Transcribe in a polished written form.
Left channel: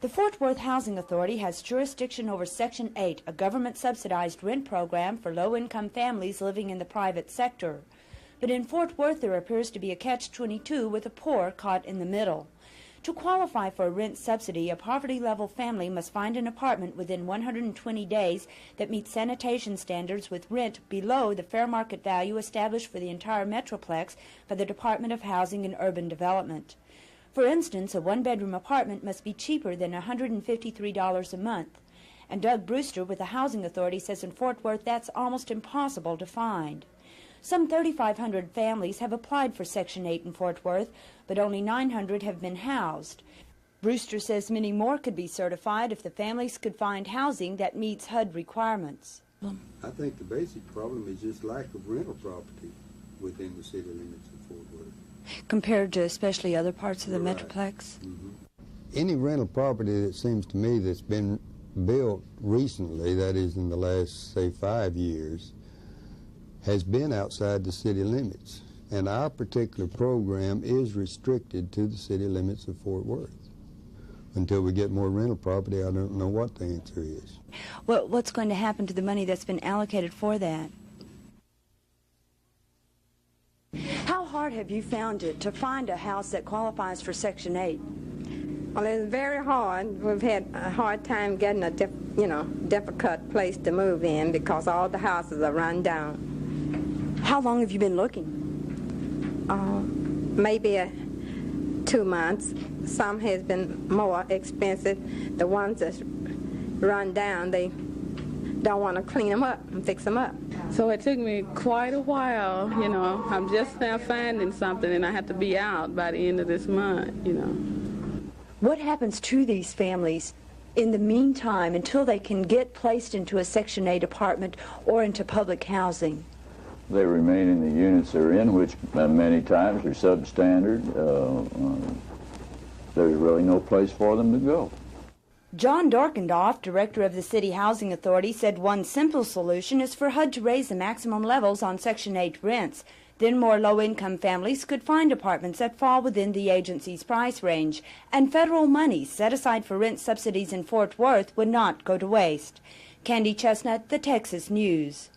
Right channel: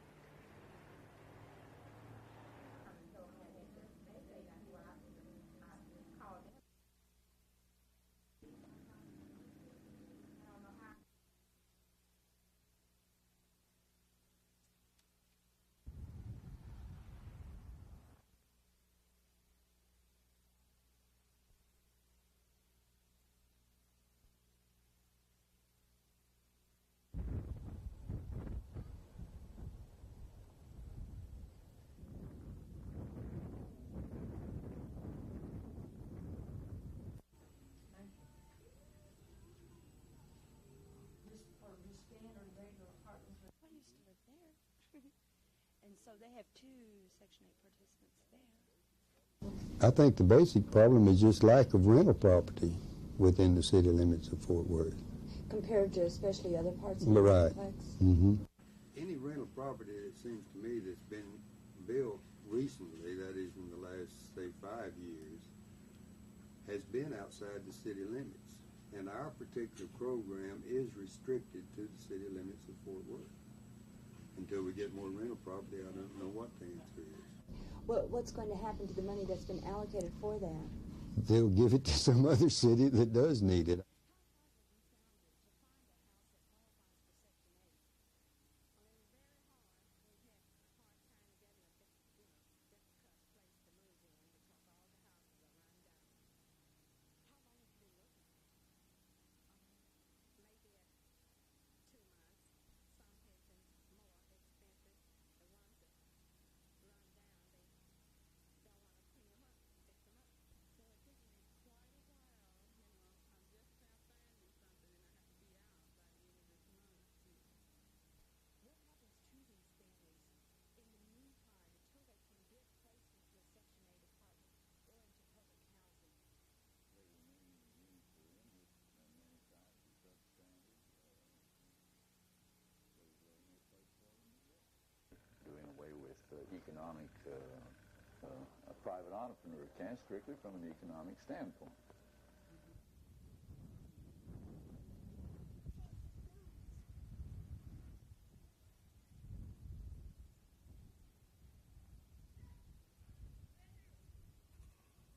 The Fort Worth Housing Authority has jurisdiction over Section 8, a government-subsidized rent program for low-income families living in the private sector. But in Fort Worth, there appears to be a catch-22 with the poor caught in the middle. To qualify for a rent subsidy, a poverty-level family must find an apartment within 120 days that meets sanitation standards with rent below the fair market value established for the entire Metroplex by the Department of Housing and Urban Development. For instance, a one-bedroom apartment must be cheaper than $153 a month. And Doug Brewster with the Housing Authority says in Fort Worth that's almost impossible to find. Some 3,500 families have applied for Section 8 in Fort Worth, but only 900 have been housed. Brewster says many more could be certified if the families could find housing that meets HUD requirements. I think the basic problem is just lack of rental property within the city limits of Fort Worth. Compared to especially other parts of the Metroplex? Mm-hmm. Any rental property that seems to me that's been built recently, that is in the last, say, 5 years, has been outside the city limits. And our particular program is restricted to the city limits of Fort Worth. Until we get more rental property, I don't know what the answer is. Well, what's going to happen to the money that's been allocated for that? They'll give it to some other city that does need it. How hard have you found it to find a house that qualifies for Section 8? Well, it's very hard. We've had a hard time getting a difficult place to move in because all the houses are run down. How long have you been looking? Maybe 2 months. Some has been more expensive. The ones that's run down, they don't want to clean them up and fix them up. So it took me quite a while, I'm just now finding something and I have to be out by the end of this month, What happens to these families in the meantime until they can get placed into a Section 8 apartment or into public housing? They remain in the units they're in, which many times are substandard. There's really no place for them to go. John Dorkendoff, director of the City Housing Authority, said one simple solution is for HUD to raise the maximum levels on Section 8 rents. Then more low-income families could find apartments that fall within the agency's price range, and federal money set aside for rent subsidies in Fort Worth would not go to waste. Candy Chestnut, the Texas News.